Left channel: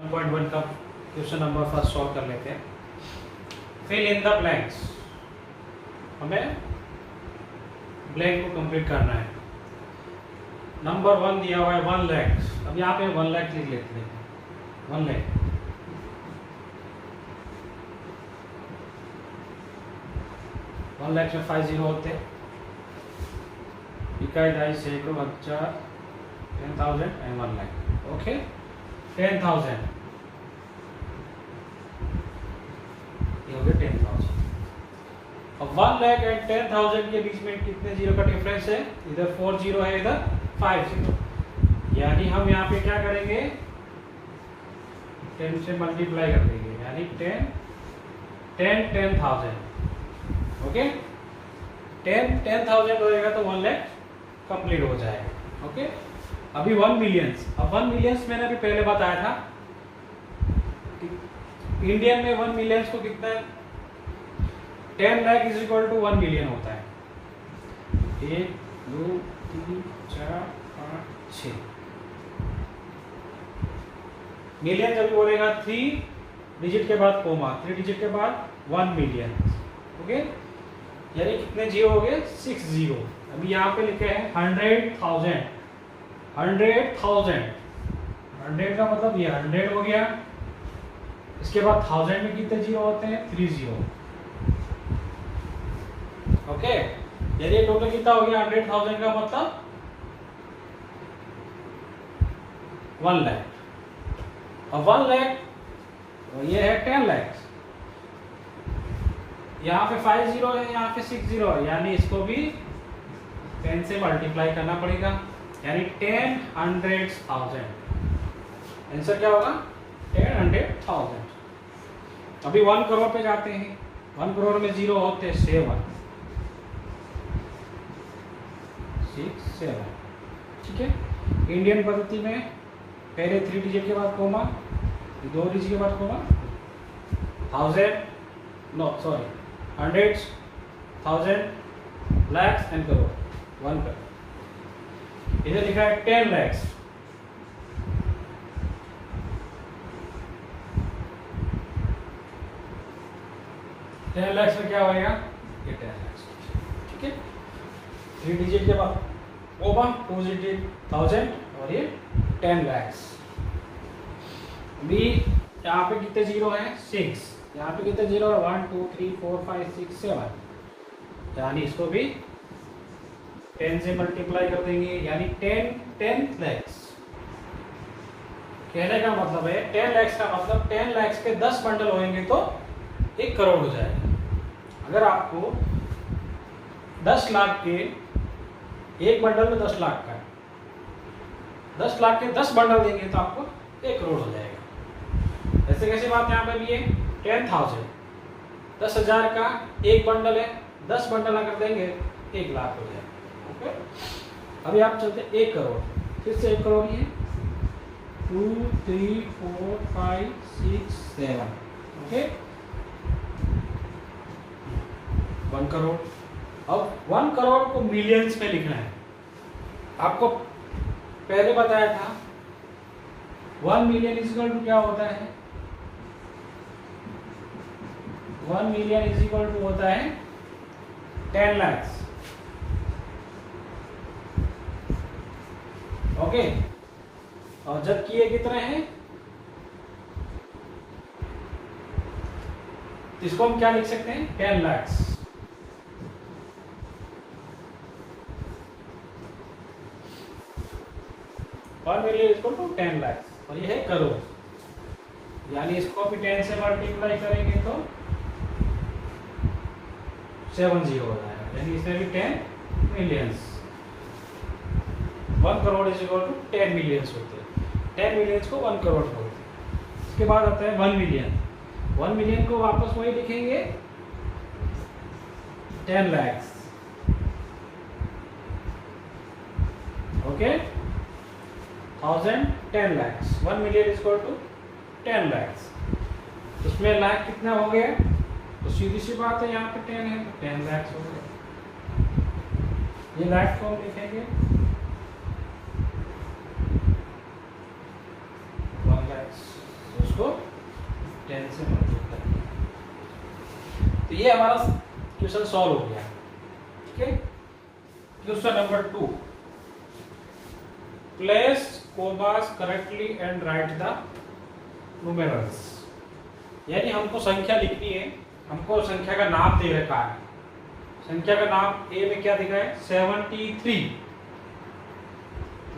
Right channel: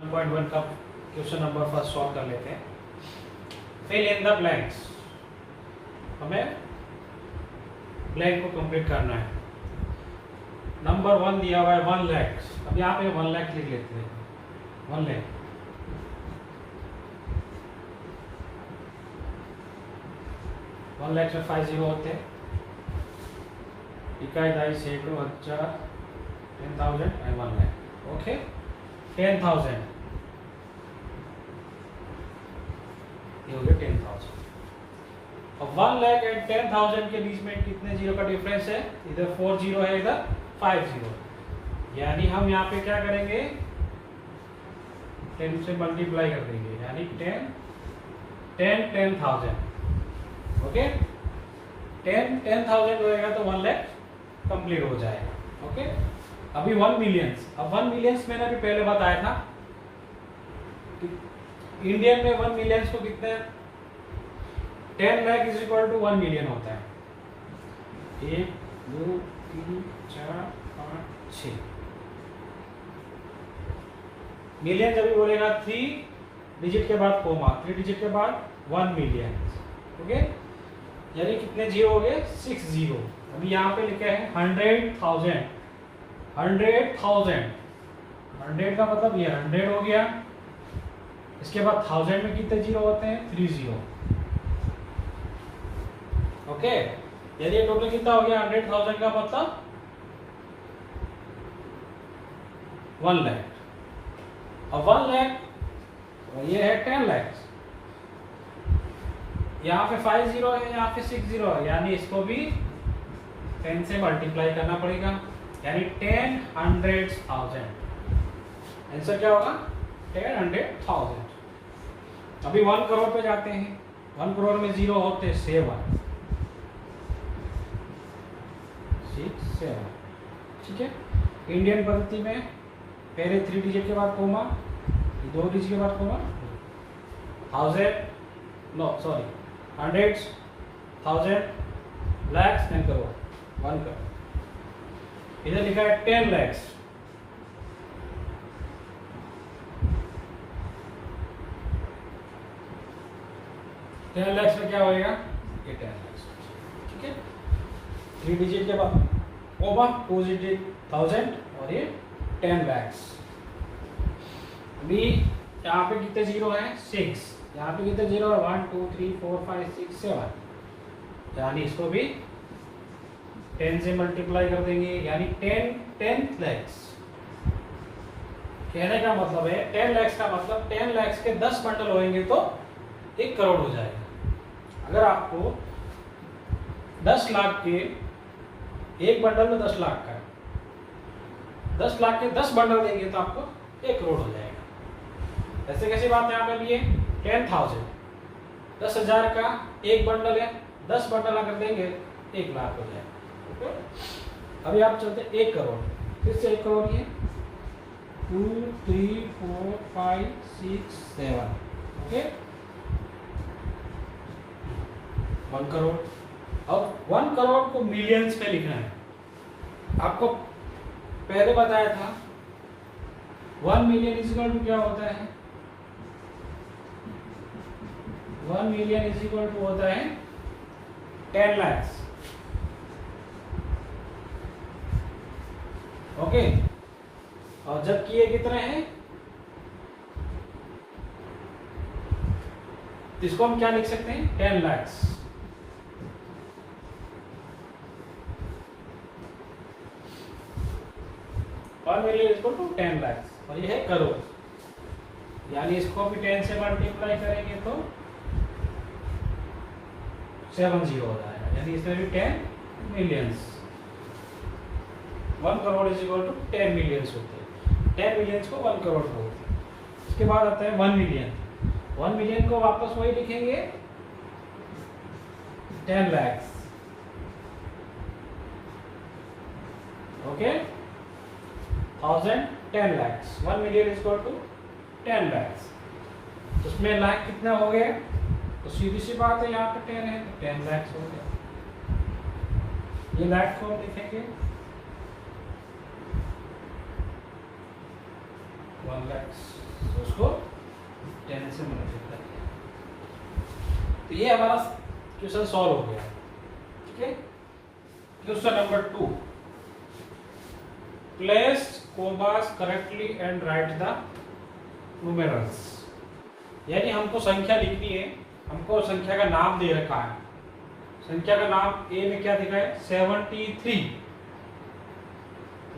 1.1 का question number first solve कर लेते हैं। फिल इन द ब्लैंक्स, हमें ब्लैंक को कंप्लीट करना है। नंबर 1 दिया हुआ है 1 लाख। अब यहाँ पे 1 लाख लिख लेते हैं। 1 लाख 1 लाख में 5 जीरो होते हैं। इकाई दाई से 1000 10,000 एंड 1 लाख। ओके, 10,000 ये हो गया 10,000। अब 1 लाख एंड 10,000 के बीच में कितने जीरो का डिफरेंस है? इधर 4 जीरो है, इधर 5 जीरो। यानी हम यहाँ पे क्या करेंगे, 10 से मल्टीप्लाई कर देंगे, यानी 10,000। ओके, 10,000 होएगा तो 1 लाख कंप्लीट हो जाएगा। ओके, अभी 1 मिलियंस। अब 1 मिलियंस मैंने अभी पहले बताया था, इंडियन में 1 मिलियंस को कितना है? 10 lakh is equal to 1 million होता है। 1 2 3 4 5 6 मिलियन जब भी बोलेगा 3 डिजिट के बाद कोमा, 3 डिजिट के बाद 1 मिलियन। ओके, यानी कितने जीरो हो गए? 6 जीरो। अभी यहाँ पे लिखा है 100,000। 100 का मतलब ये 100 हो गया। इसके बाद 1000 में कितने जीरो होते हैं? 3 जीरो। ओके, यदि टोटल कितना हो गया? 100,000 का मतलब 1 लाख। अब 1 लाख ये है 10 लाख। यहाँ पे 5 जीरो है, यहाँ पे 6 जीरो है, यानी इसको भी 10 से मल्टीप्लाई करना पड़ेगा, यानी 10,000। आंसर क्या होगा? 10,000। अभी 1 करोड़ पे जाते हैं। 1 करोड़ में जीरो होते हैं 7 6 7। ठीक है, इंडियन पद्धति में पहले 3 डिजिट के बाद कोमा, 2 डिजिट के बाद comma, 100, 1000, lakhs and crore, 1 crore. इधर लिखा है 10 lakhs। में क्या होएगा? ये 10 lakhs। ठीक है, 3 डिजिट के बाद कोमा, 2 डिजिट 1000 और ये 10 lakhs। अभी यहाँ पे कितने जीरो है? 6। यहाँ पे कितने जीरो है? 1 2 3 4 5 6 7। यानी इसको भी 10 से मल्टीप्लाई कर देंगे, यानी 10 lakhs। कहने का मतलब है 10 lakhs का मतलब 10 lakhs के 10 बंडल होंगे तो 1 करोड़ हो जाएगा। अगर आपको 10 लाख के एक बंडल में 10 लाख का है, 10 लाख के 10 बंडल देंगे तो आपको 1 करोड़ हो जाएगा। ऐसे कैसी बात यहाँ पे भी है? 10,000, 10,000 का एक बंडल है, 10 बंडल अगर देंगे 1 लाख हो जाएगा। ओके, अभी आप चलते 1 करोड़, फिर से 1 करोड़ ये 2 3 4 5 6 7। ओके, 1 करोड़। अब 1 करोड़ को मिलियंस में लिखना है। आपको पहले बताया था 1 मिलियन इज इक्वल टू क्या होता है? 1 मिलियन इज इक्वल टू होता है 10 lakhs। ओके, और जबकि ये कितने हैं, इसको हम क्या लिख सकते हैं? 10 lakhs। One million equal to 10 lakhs, और ये है करोड़। यानी इसको भी 10 से मल्टीप्लाई करेंगे तो 7 जीरो हो जाएगा, यानी इसमें भी 10 millions. 1 crore is equal to 10 millions होते हैं। 10 मिलियंस को 1 करोड़ बोलते हैं। इसके बाद आता है 1 मिलियन। 1 मिलियन को वापस वही लिखेंगे 10 lakhs। Okay, 1000 10 lakhs। 1 million is equal to 10 lakhs। उसमें लाख कितना हो गया? तो सीधी सी बात है, यहाँ पे 10 है तो 10 lakhs हो गया। ये लाख को हम लिखेंगे 1 lakhs। तो ये हमारा क्वेश्चन सॉल्व हो गया। ठीक है, question number 2, place commas correctly and write the numerals. यानी हमको संख्या लिखनी है, हमको संख्या का नाम दे रखा है। संख्या का नाम ए में क्या दिखा है 73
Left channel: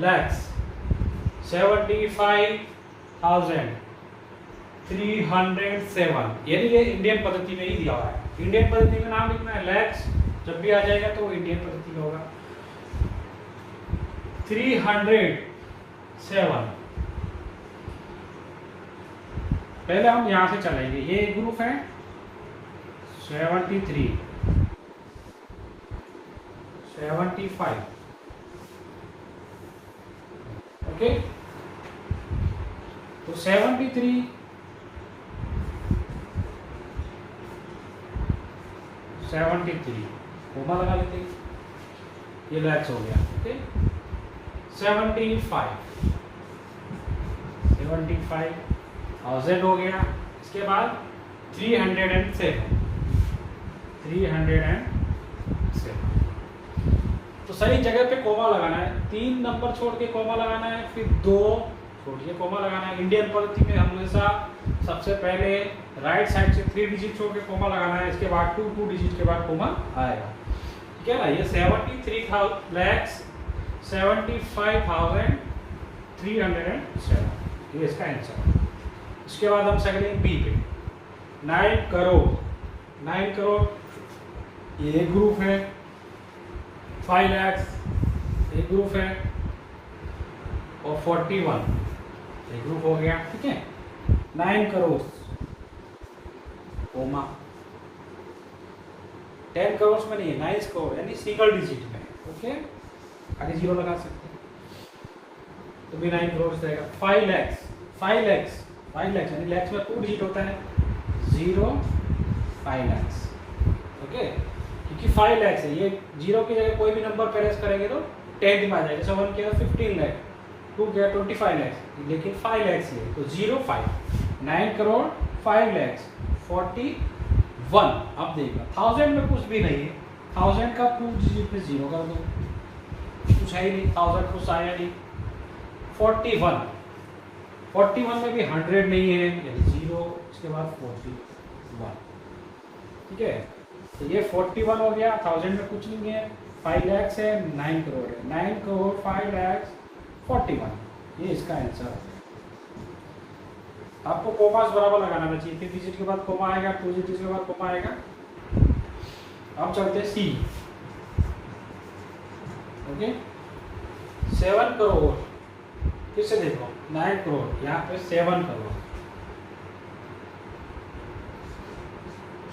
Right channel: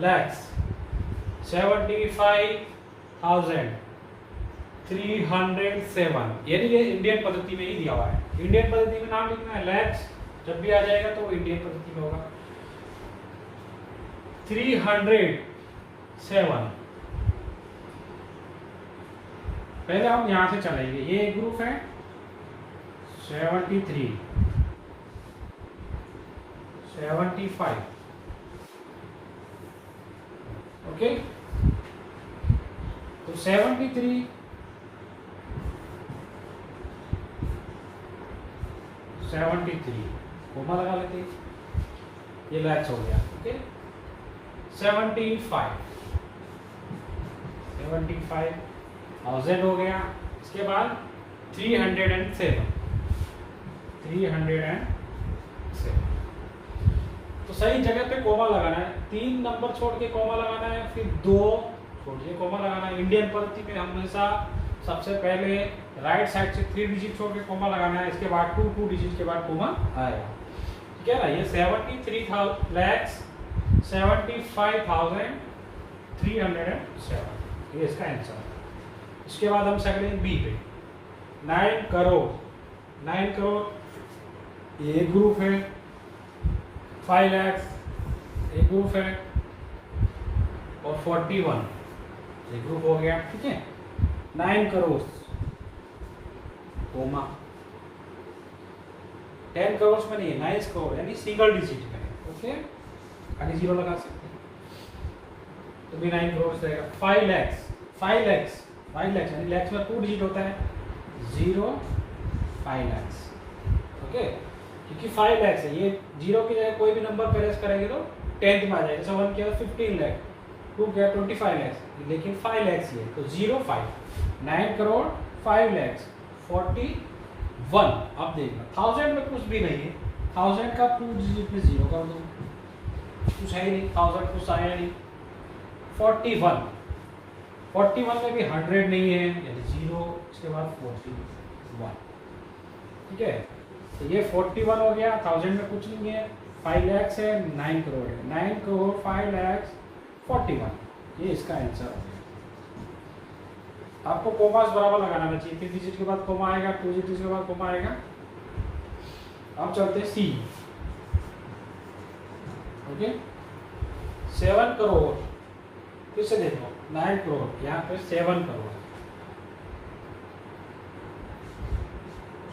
lakhs 75,307, यानी ये इंडियन पद्धति में ही दिया हुआ है। इंडियन पद्धति में नाम लिखना है, लैक्स जब भी आ जाएगा तो इंडियन पद्धति में होगा। 307, पहले हम यहां से चलेंगे, ये एक ग्रुप है 73, 75, ओके। तो 73, 73 कोमा लगा लेते हैं, ये लैक्स हो गया। ओके, 75 1000 हो गया। इसके बाद 307 तो सही जगह पे कोमा लगाना है, 3 नंबर छोड़ के कोमा लगाना है, फिर 2 छोड़िए कोमा लगाना है। इंडियन पद्धति में हमेशा सबसे पहले राइट साइड से 3 डिजिट छोड़ के कोमा लगाना है, इसके बाद 2 डिजिट के बाद कोमा आएगा। ठीक है ना, ये 73,75,307 ये इसका आंसर। इसके बाद हम चलेंगे बी पे, 9 करोड़। 9 करोड़ ये ग्रुप है, 5 lakhs एक ग्रुप है, और 41 एक ग्रुप हो गया। ठीक है, 9 करोड़ कोमा, 10 करोड़ में नहीं है, 9 करोड़ यानी सिंगल डिजिट में। ओके, आगे 0 लगा सकते हैं तो भी 9 करोड़ रहेगा। 5 lakhs यानी लैक्स में 2 डिजिट होता है, 0 5 lakhs। ओके, क्योंकि 5 lakhs है, ये 0 की जगह कोई भी नंबर पेरेस करेंगे तो 10 में आ जाएगा। जैसे 1 किया 15 लाख, 2 किया 25 lakhs, लेकिन 5 lakhs ये तो 0 5, 9 करोड़ 5 lakhs 41। अब देखना 1000 में कुछ भी नहीं है, 1000 का 2 डिजिट में 0 कर दो, कुछ है ही नहीं, 1000 कुछ आया नहीं। 41 में भी 100 नहीं है, यानी 0, इसके बाद 41। ठीक है, तो ये 41 हो गया, 1000 में कुछ नहीं है, 5 lakhs है, 9 करोड़ है, 9 करोड़ 5 lakhs 41, ये इसका आंसर है। आपको कोमास बराबर लगाना चाहिए, 3 डिजिट के बाद कोमा आएगा, 2 डिजिट के बाद कोमा आएगा। हम चलते सी। ओके, 7 करोड़, फिर से देखो 9 करोड़, यहाँ पे 7 करोड़,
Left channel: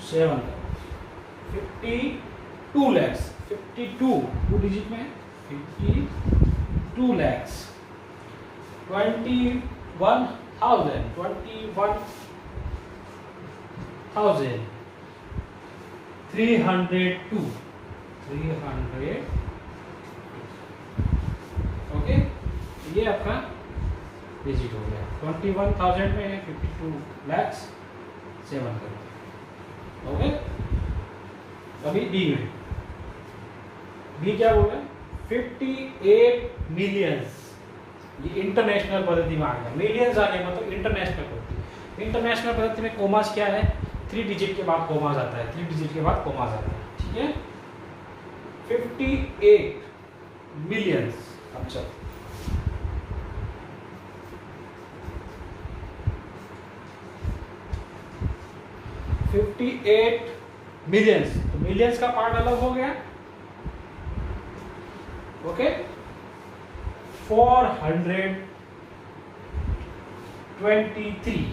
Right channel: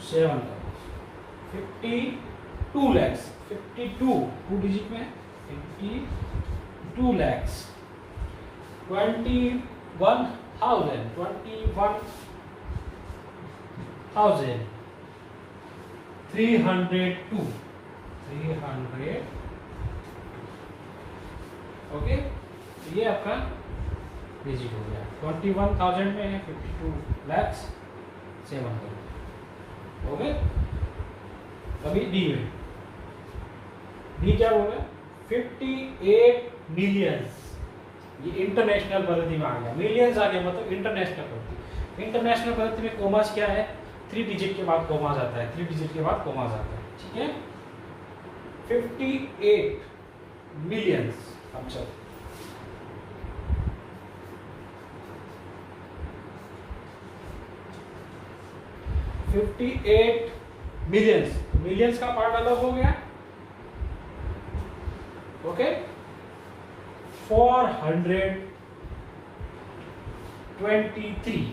7 करोड़, 52 lakhs, 52 2 डिजिट में 52 lakhs, 21,000, 302, 300। ओके, ये आपका डिजिट हो गया। 21,000 में है 52 lakhs 7 करोड़। ओके, अभी डी में, डी क्या बोला 58 मिलियंस, ये इंटरनेशनल पद्धति में आ गया। मिलियंस आ गया मतलब इंटरनेशनल पद्धति। इंटरनेशनल पद्धति में कोमास क्या है, 3 डिजिट के बाद कोमास आता है, 3 डिजिट के बाद कोमास आता है। ठीक है, 58 मिलियंस। अब चलो 58 मिलियंस, तो मिलियंस का पार्ट अलग हो गया। ओके, 423,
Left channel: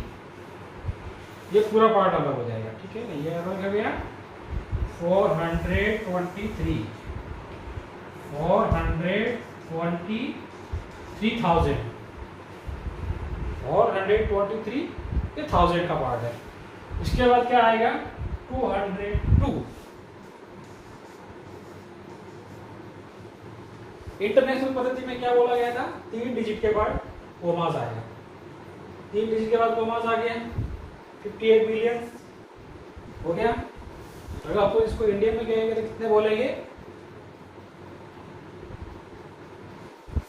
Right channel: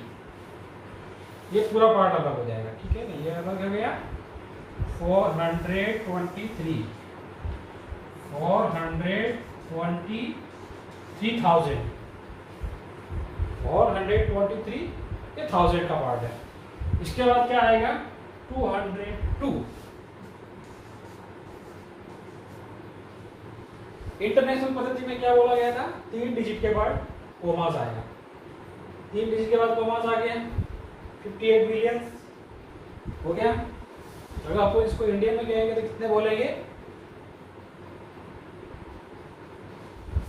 ये पूरा पार्ट अलग हो जाएगा। ठीक है ना, ये अलग हो गया 423, 423,000, 423 ये 1000 का पार्ट है। इसके बाद क्या आएगा 202। इंटरनेशनल पद्धति में क्या बोला गया था, 3 डिजिट के बाद कोमास आएगा, 3 डिजिट के बाद कोमास आ गया, 58 मिलियन हो गया। अगर आपको इसको इंडिया में कहेंगे तो कितने बोलेंगे?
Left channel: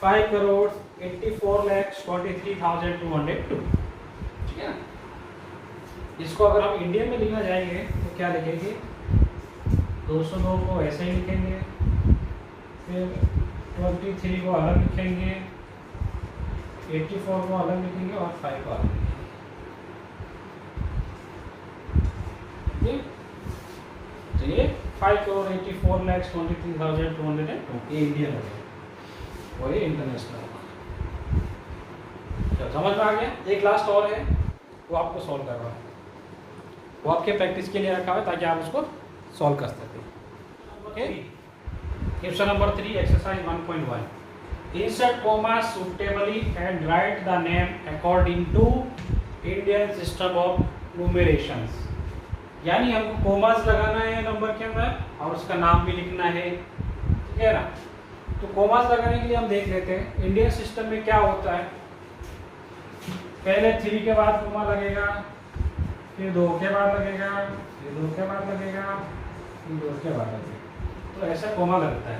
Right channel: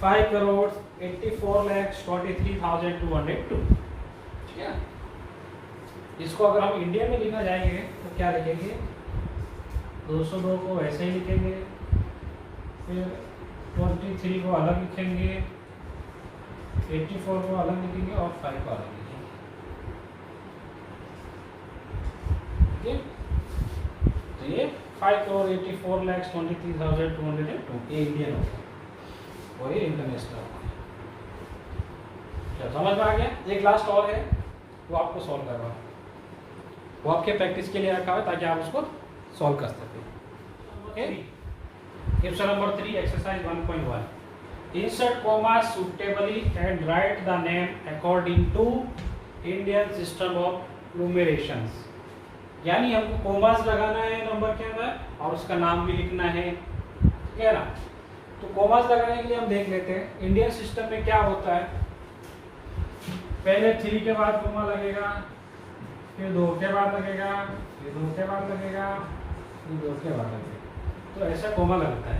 5,84,43,202। ठीक है। इसको अगर हम इंडिया में लिखना जाएंगे तो क्या लिखेंगे? 202 को ऐसे ही लिखेंगे, फिर 23 को अलग लिखेंगे, 84 को अलग लिखेंगे और 5 को अलग लिखेंगे। ठीक, तो ये 5,84,23,202 इंडियन हो गया और ये इंटरनेशनल। क्या समझ में आ गया? एक लास्ट और है वो आपको सॉल्व कर रहा हूँ, वो आपके प्रैक्टिस के लिए रखा हुआ है ताकि आप उसको सॉल्व कर सकें। Okay, question number 3 exercise 1.1। Insert comma suitably and write the name according to Indian system of numerations. यानी हमको कॉमास लगाना है नंबर के अंदर और उसका नाम भी लिखना है, ठीक है ना। तो कॉमास लगाने के लिए हम देख लेते हैं इंडियन सिस्टम में क्या होता है। पहले 3 के बाद कॉमा लगेगा, फिर 2 के बाद लगेगा, फिर 2 के बाद लगेगा, फिर 2 के बाद लगेगा। तो ऐसा कॉमा लगता है।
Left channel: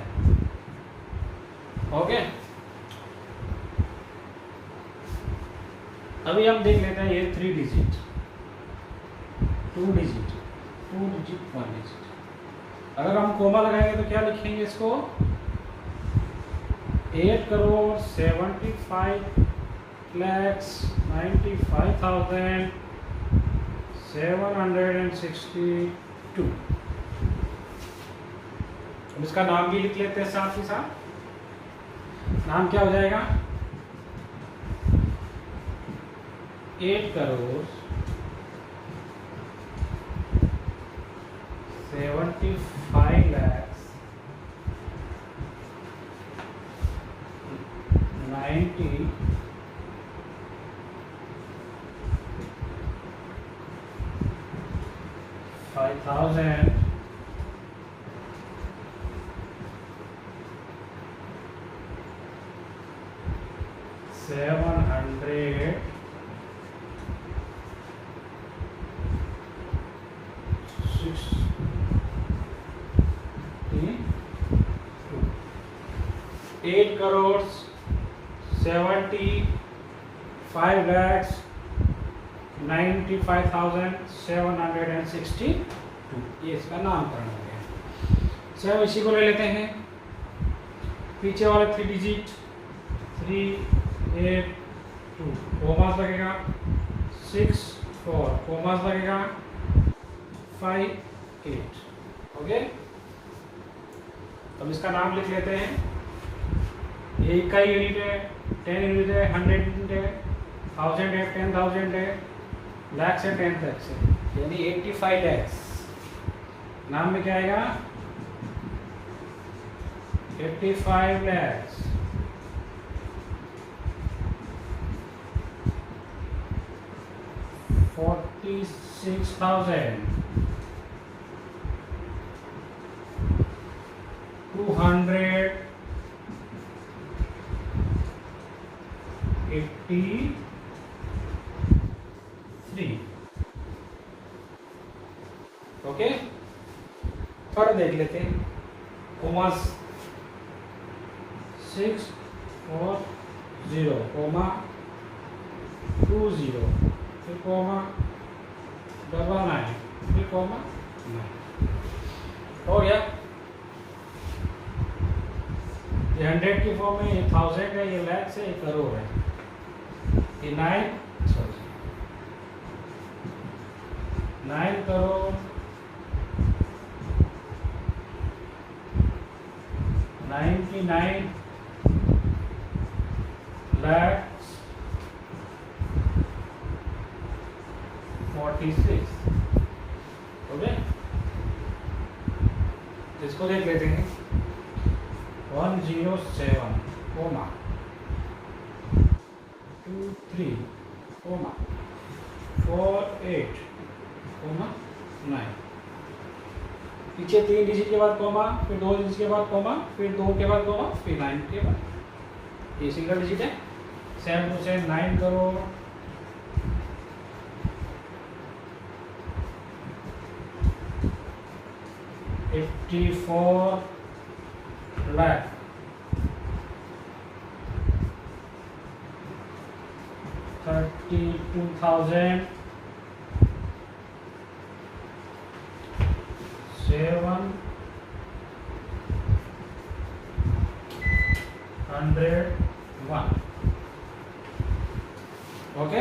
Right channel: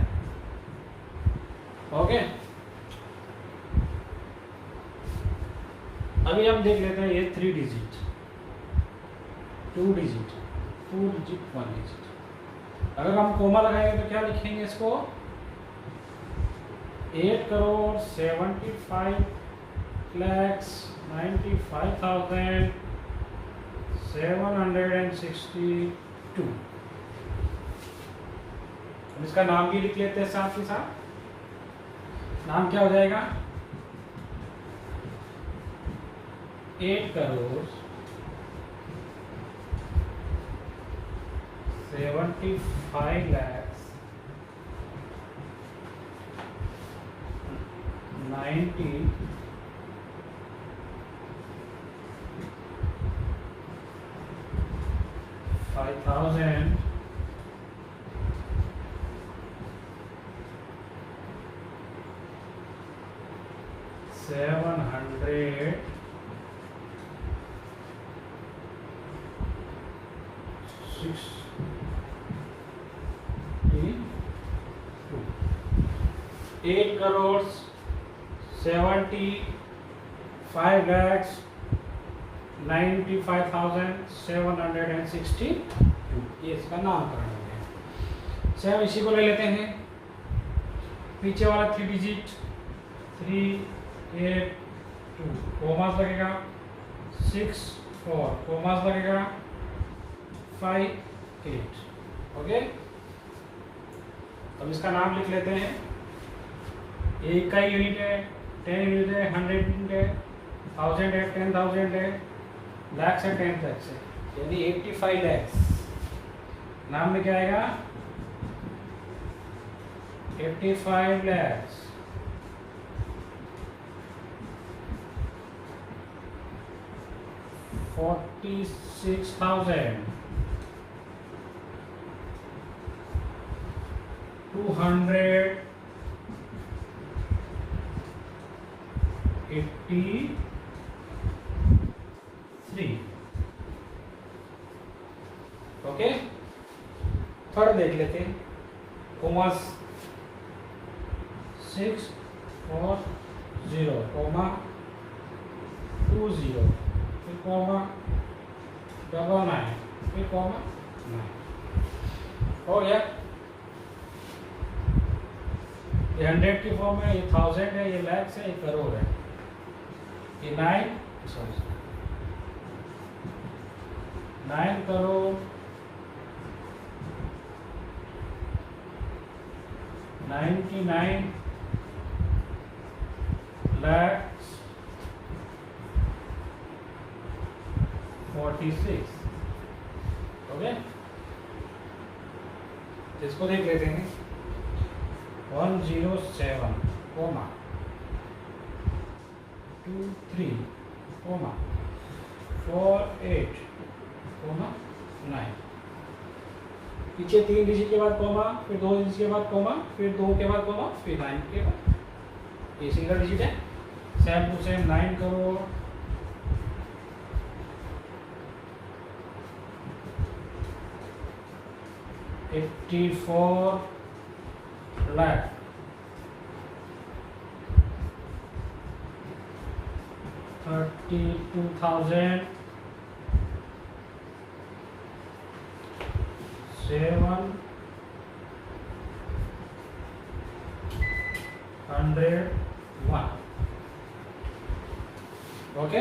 ओके, अभी हम देख लेते हैं ये 3 डिजिट, 2 डिजिट, 2 डिजिट, 1 डिजिट। अगर हम कॉमा लगाएंगे तो क्या लिखेंगे इसको? 8,75,95,762। अब इसका नाम भी लिख लेते हैं साथ ही साथ। नाम क्या हो जाएगा? 8,75,95,762। एट करोड़ 75,95,762 ये इसका नामकरण हो गया। सेम इसी को ले लेते हैं, पीछे वाला 3 डिजिट 382 कॉमास लगेगा, 64 कॉमास लगेगा, 58। ओके, अब इसका नाम लिख लेते हैं। ये का यूनिट है, 10 यूनिट है, 100 यूनिट है, 1000 है, 10,000 है, लाख से 10 तक से, यानी 85 लैक्स। नाम में क्या आएगा? 85 लैक्स। 46,283। ओके, थोड़ा देख लेते हैं। कॉमास 6 और 0 कॉमा 20 फिर कॉमा 99 फिर कॉमा 9 हो गया। ये 100 की फॉर्म में, ये 1000 है, ये लाख है, ये करोड़ है, ये 9 करोड़ 99 लाख 46। ओके, इसको देख लेते हैं। 107 कॉमा 23 कॉमा 48 कॉमा 9। पीछे 3 डिजिट के बाद कॉमा, फिर 2 डिजिट के बाद कॉमा, फिर 2 के बाद कॉमा, फिर 9 के बाद। ये सिंगल डिजिट है। 7 टू 7 9 करोड़ 9 54 lakh 32,000 701। ओके,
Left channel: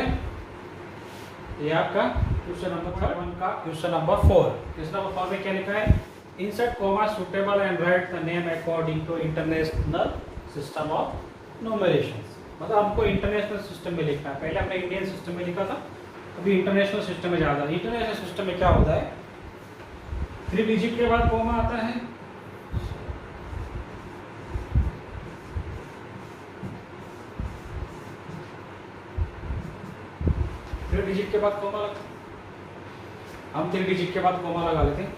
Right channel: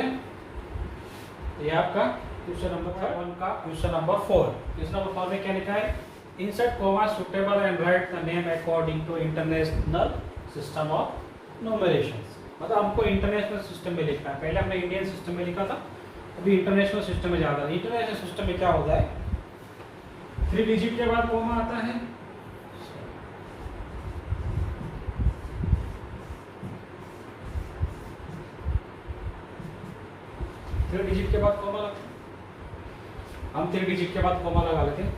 ये आपका क्वेश्चन नंबर 1 का क्वेश्चन नंबर 4। क्वेश्चन नंबर 4 में क्या लिखा है? Insert comma suitable and write the name according to international system of numeration. मतलब हमको इंटरनेशनल सिस्टम में लिखना है। पहले हमने इंडियन सिस्टम में लिखा था, अभी इंटरनेशनल सिस्टम में ज़्यादा। इंटरनेशनल सिस्टम में क्या होता है? 3 डिजिट के बाद कॉमा आता है, डिजिट के बाद कॉमा लगता है। हम 3 डिजिट के बाद कॉमा लगा लेते हैं।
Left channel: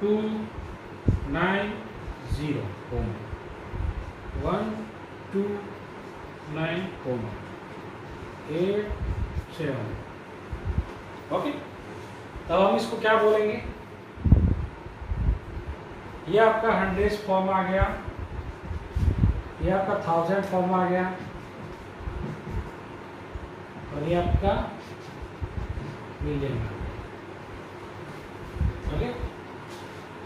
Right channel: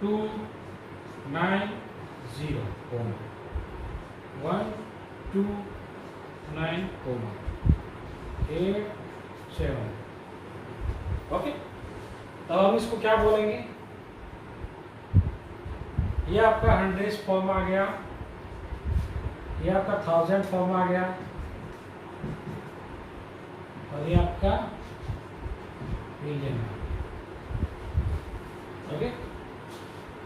290 कॉमा 129 कॉमा 87। ओके, तब हम इसको क्या बोलेंगे? ये आपका 100 फॉर्म आ गया, ये आपका 1000 फॉर्म आ गया, और ये आपका मिलियन। ओके,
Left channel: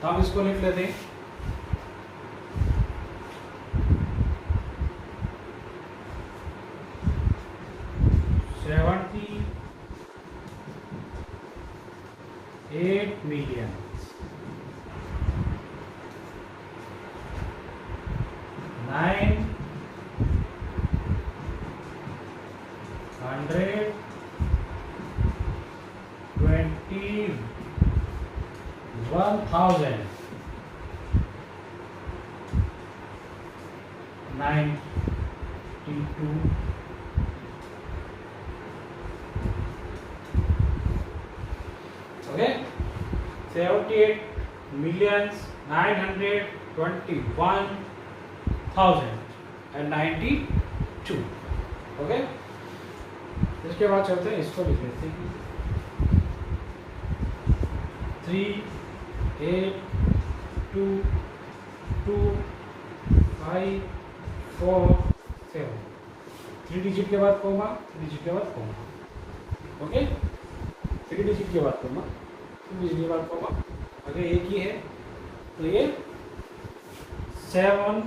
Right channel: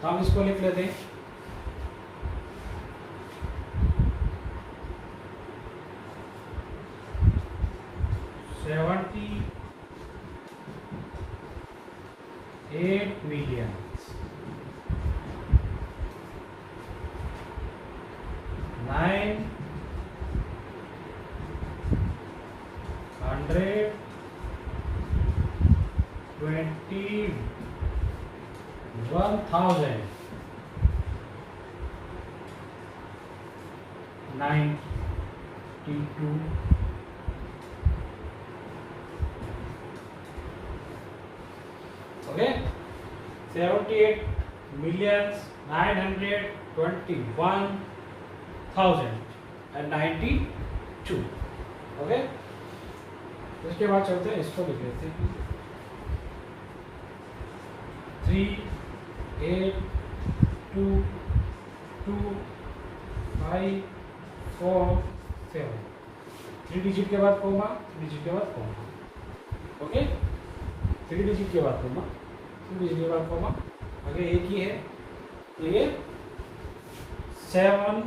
तो हम इसको लिख लेते हैं। $78 million 921,092। ओके, 78,921,092। ओके, इसके बाद चलते हैं, इसको लिख लेते हैं 3822547। 3 डिजिट के बाद कॉमा, डिजिट के बाद कॉमा। ओके, 3 डिजिट के बाद कॉमा, 3 डिजिट के बाद कॉमा। अगर एक ही है तो ये 7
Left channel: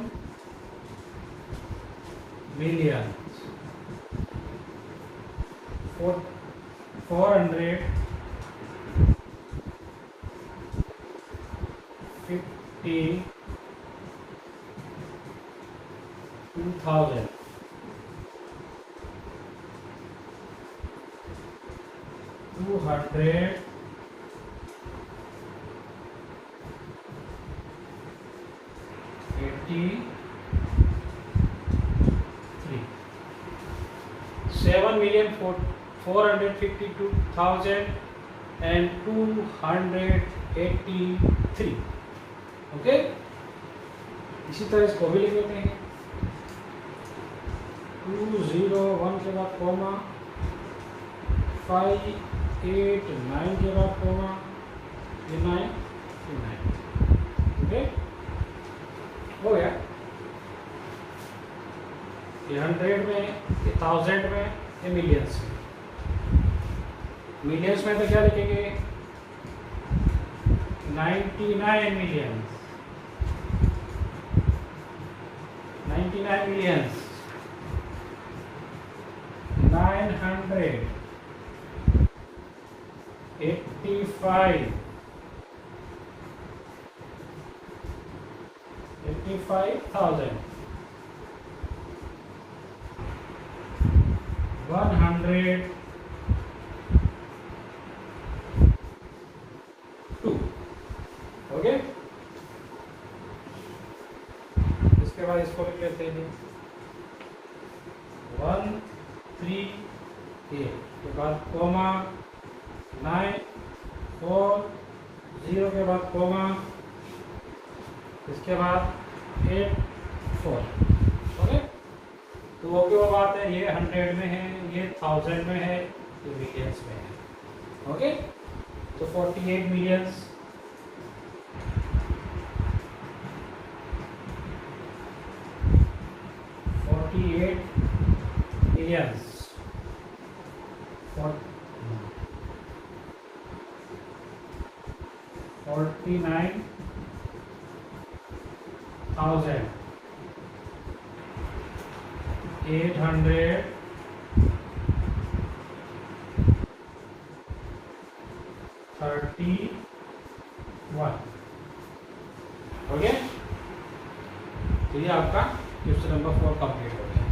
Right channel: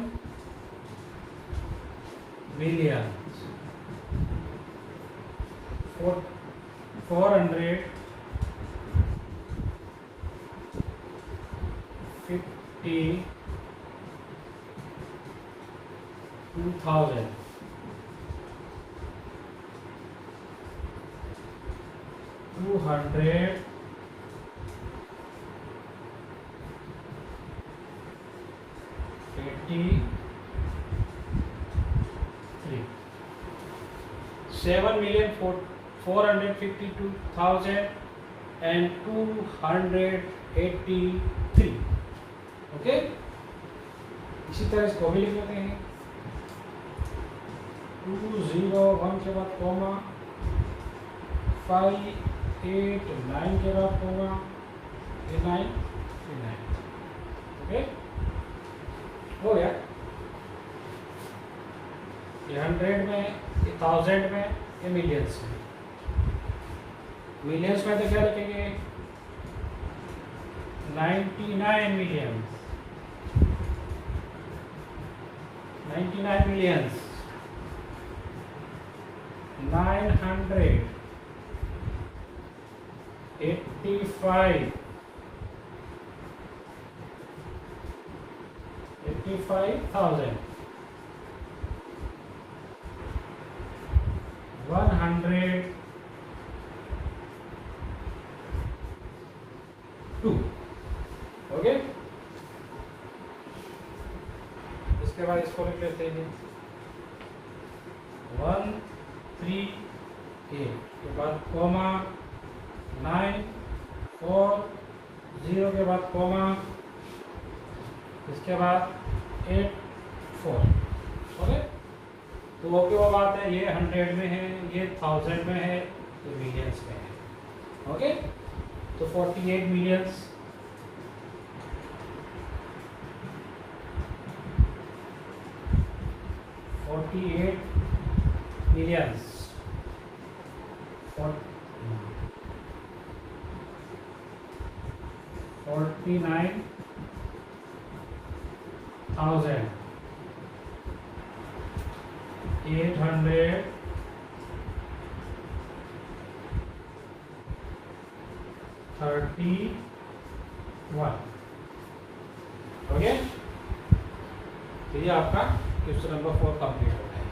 मिलियन 452,000 283। $7,452,283। ओके, इसी तरह इसको भी लिख लेते हैं। 201 के बाद कॉमा, 589 के बाद कॉमा, 9। ओके, हो गया। ये 100 में, ये 1000 में, ये मिलियंस में। मिलियंस में तो क्या लिखेंगे? 99 मिलियंस 99 मिलियंस 985,000 102। ओके, इसके बाद इसको लिख लेते हैं 138 के बाद कॉमा, 940 के बाद कॉमा, इसके बाद 84। ओके, तो ओके वो बात है। ये 100 में है, ये 1000 में है, ये मिलियंस में है। ओके, तो 48 मिलियंस, millions, 49,831। ओके, तो ये आपका क्वेश्चन नंबर 4 कंप्लीट हो गया।